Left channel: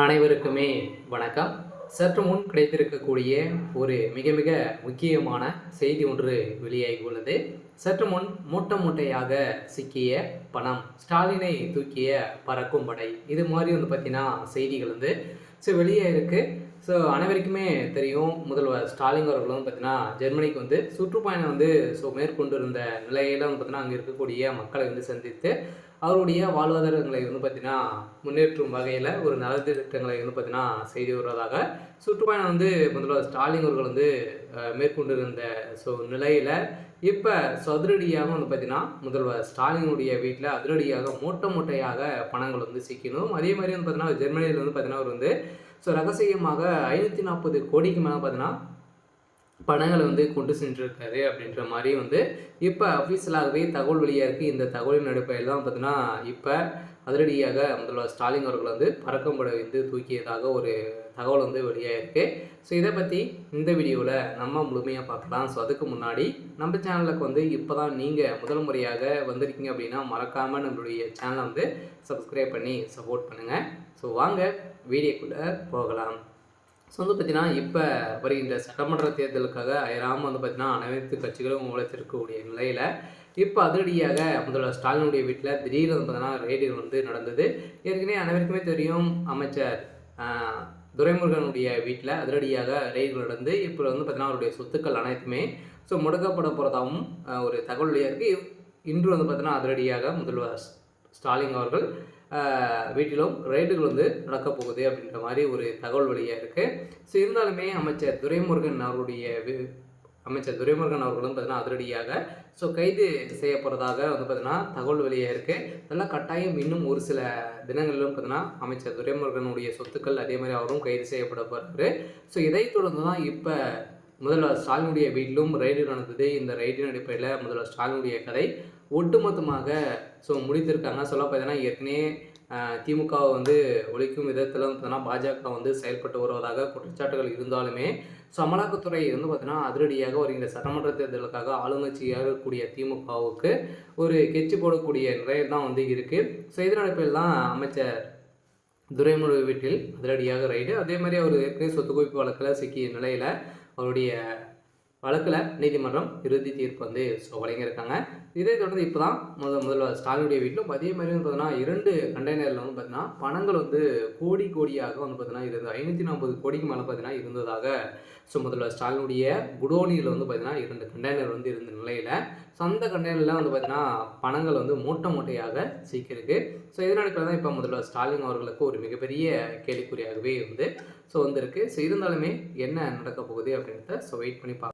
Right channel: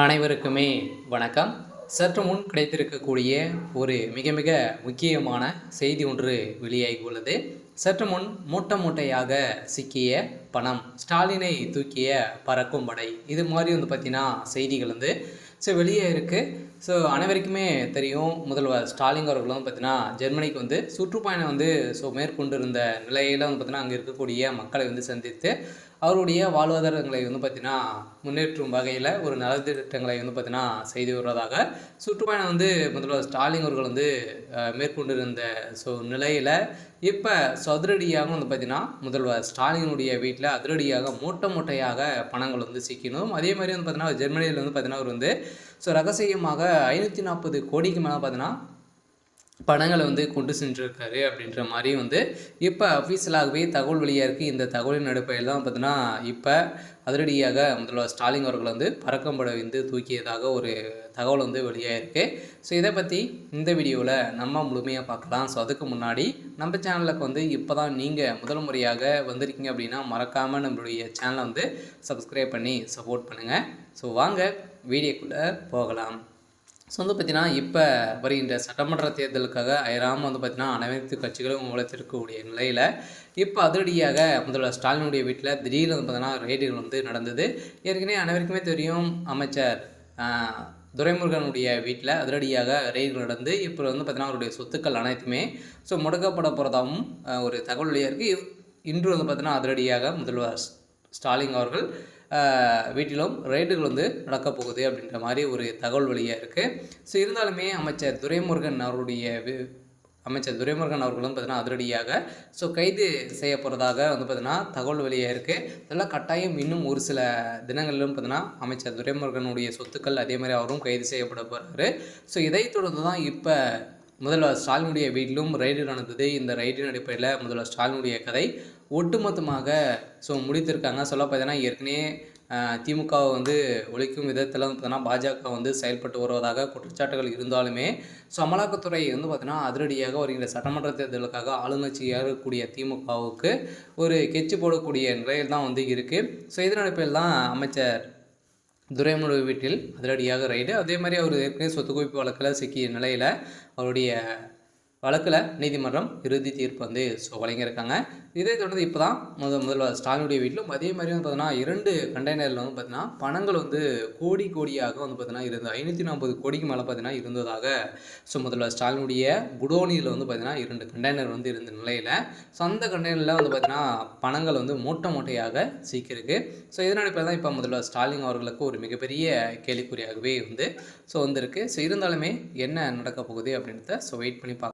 அனைவருக்குமே வணக்கம். சற்று முன் கிடைத்திருக்கக்கூடிய ஒரு மிக மிக முக்கியமான செய்தி ஒன்று வெளியாகி உள்ளது. சற்று முன் மூட்டை மூட்டையாக சிக்கிய பணம், ஸ்டாலினை தூக்கிய பறக்கும் படை, இது மாதிரி பார்த்தீங்கன்னா செய்திகள் வெளியே இருக்குது. அனைவருக்குமே தெரியும், முதல்வர் ஸ்டாலின் அவர்கள் பார்த்தீங்கன்னா ஜெர்மனிக்கு சுற்றுப்பயணம் மேற்கொண்டிருந்த நிலையில் பார்த்தீங்கன்னா அங்கே இருக்கக்கூடிய மக்களை சந்தித்து அவருடைய வாழ்வாதாரங்களை பார்த்தீங்கன்னா முன்னேற்றும் வகையில் ஒரு நலத்திட்டங்களை பார்த்தீங்கன்னா செய்து வருவதாக சுற்றுப்பயணம் முதல்வர் ஸ்டாலின் அவர்கள் மேற்கொண்டிருந்த நிலையில் இப்போ அதிரடியாக பார்த்தீங்கன்னா முதல்வர் ஸ்டாலினுடைய வீட்டில் அதிரடியாக மூட்டை மூட்டையாக பணங்கள் சிக்கணும். அதே மாதிரி பார்த்தீங்கன்னா ஜெர்மனியில் பார்த்தீங்கன்னா அவர் ரகசியமாக 540 கோடிக்கு மேலே பார்த்தீங்கன்னா பணங்களை கொண்டு சென்றிருக்காரு அப்படின்ற மாதிரி இப்போ அஃபீஷியலாகவே தகவல் வெளியாக இருக்குது. இந்த தகவலின் அடிப்படையில் தான் பார்த்தீங்கன்னா இப்போ அதிரடியாக முதல்வர் ஸ்டாலின் அவர்கள் பறக்கம்படை தூக்கியதாக ஒரு தகவல் வெளியாக இருக்குது. இதை பற்றி இந்த வீடியோவில் நம்ம முழுமையாக பார்க்கலாம். அதுக்கு முன்னாடி நம்ம சேனலுக்கு இப்போ தான் நீங்கள் முதல் முறையாக வந்திருக்கீங்க அப்படின்னா மறக்காமல் நம்மளுடைய சேனலை சப்ஸ்கிரைப் பண்ணி சப்போர்ட் பண்ணுங்கள். வாங்க வீடியோக்குள்ளே போகலாம். பார்த்தீங்கன்னா இப்போ வருகின்ற சட்டமன்ற தேர்தலுக்காக அயராமல் பார்த்தீங்கன்னா அனைத்து கட்சிகளும் உழைத்திருக்கக்கூடிய நிலையில் இப்போ அதிரடியாக முதல்வர் ஸ்டாலினுடைய வீட்டில் திடீர்னு பார்த்தீங்கன்னா ரெய்டுகள் நடந்தது. ஏற்கனவே அனைவருக்குமே தெரியும், அமைச்சர் துரைமுருகனுடைய வீட்டில் அதிரடியாக ரெய்டுகள் நடந்து இப்போ பார்த்தீங்கன்னா அவருடைய சொத்துக்கள் அனைத்துமே முடக்கப்பட போகிறதாகவும் ஒரு தகவல் வெளியாக இருக்குது. இன்று பார்த்தீங்கன்னா அதிரடியாக முதல்வர் ஸ்டாலின் அவர்கள் வீட்டிலும் ரெய்டுகள் நடக்கப் போகுது அப்படின்ற மாதிரி ஒரு தகவல் வெளியாக இருக்குது. இருந்தாலுமே அமைச்சர் துரைமுருகன் அவர்களும் பார்த்தீங்கன்னா அதிரடியாக கைது செய்ய போகிறதாக பார்த்தீங்கன்னா தகவல் வெளியாக இருக்குது. அதெல்லாம் கட்டாயம் இன்னும் ஒரு சில தினங்களிலும் பார்த்தீங்கன்னா அமைச்சர் துரைமுருகனுடைய சொத்துக்கள் அதே மாதிரி அவரும் கைது செய்யப்பட போகிறாரு. இதைத் தொடர்ந்து தான் இப்போ முதல்வர் ஸ்டாலினுடைய வீட்டிலும் ரெய்டு நடந்தது. இந்த ரெய்டின் அடிப்படையில் முதல்வர் ஸ்டாலினுடைய கதை ஒட்டுமொத்தமாக முடித்திருக்காங்க. சொல்ல பார்த்தீங்கன்னா ஏற்கனவே திமுகவை ஒழிக்கும் விதத்தில் பார்த்தீங்கன்னா பாஜக செயல்பட்டு வருவதாக குற்றச்சாட்டுகள் இருந்தாலுமே அமலாக்கத்துறை பார்த்தீங்கன்னா அதிரடியாக வருகின்ற சட்டமன்ற தேர்தலுக்காக ஆளுங்கட்சியாக இருக்கக்கூடிய திமுகவுக்கு ஒரு கெச்சு போடக்கூடிய நிலையில் தான் இருக்குது. இதன் அடிப்படையில் தான் அமைச்சர் துரைமுருகன் வீட்டில் அதிரடியாக ரைடு. அதே மாதிரி அவர் ஏற்கனவே சொத்து குவிப்பு வழக்கில் சிக்கிய நிலையில் அவருடைய வழக்கில் நீதிமன்றம் இறுதி தீர்ப்பு வழங்கியிருக்காங்க. இதே தொடர்ந்து இப்போ தான் முதல்வர் ஸ்டாலினுடைய வீட்டிலும் அதே மாதிரி பார்த்தீங்கன்னா 2 கண்டெய்னரில் பார்த்தீங்கன்னா பணங்கள் கோடி கோடியாக பார்த்தீங்கன்னா இருந்தது. 540 கோடிக்கு மேலே பார்த்தீங்கன்னா இருந்ததாக முதல்வர் ஸ்டாலினுடைய குடோனியில் பார்த்தீங்கன்னா 2 கண்டெய்னர் இருந்த நிலையில் அந்த கண்டெய்னரில் பார்த்தீங்கன்னா பணங்கள் மூட்டை மூட்டையாக சிக்கியிருக்கு. இதனால் இப்போ தான் இப்போ முதல்வர் ஸ்டாலின் அவர்களுக்கு ஒரு மிகப்பெரிய கேள்விக்குறியாகவே வந்திருக்கு. இருந்தாலுமே என்ன நடக்க போகுது அப்படின்றத வெயிட் பண்ணி பார்க்கலாம்.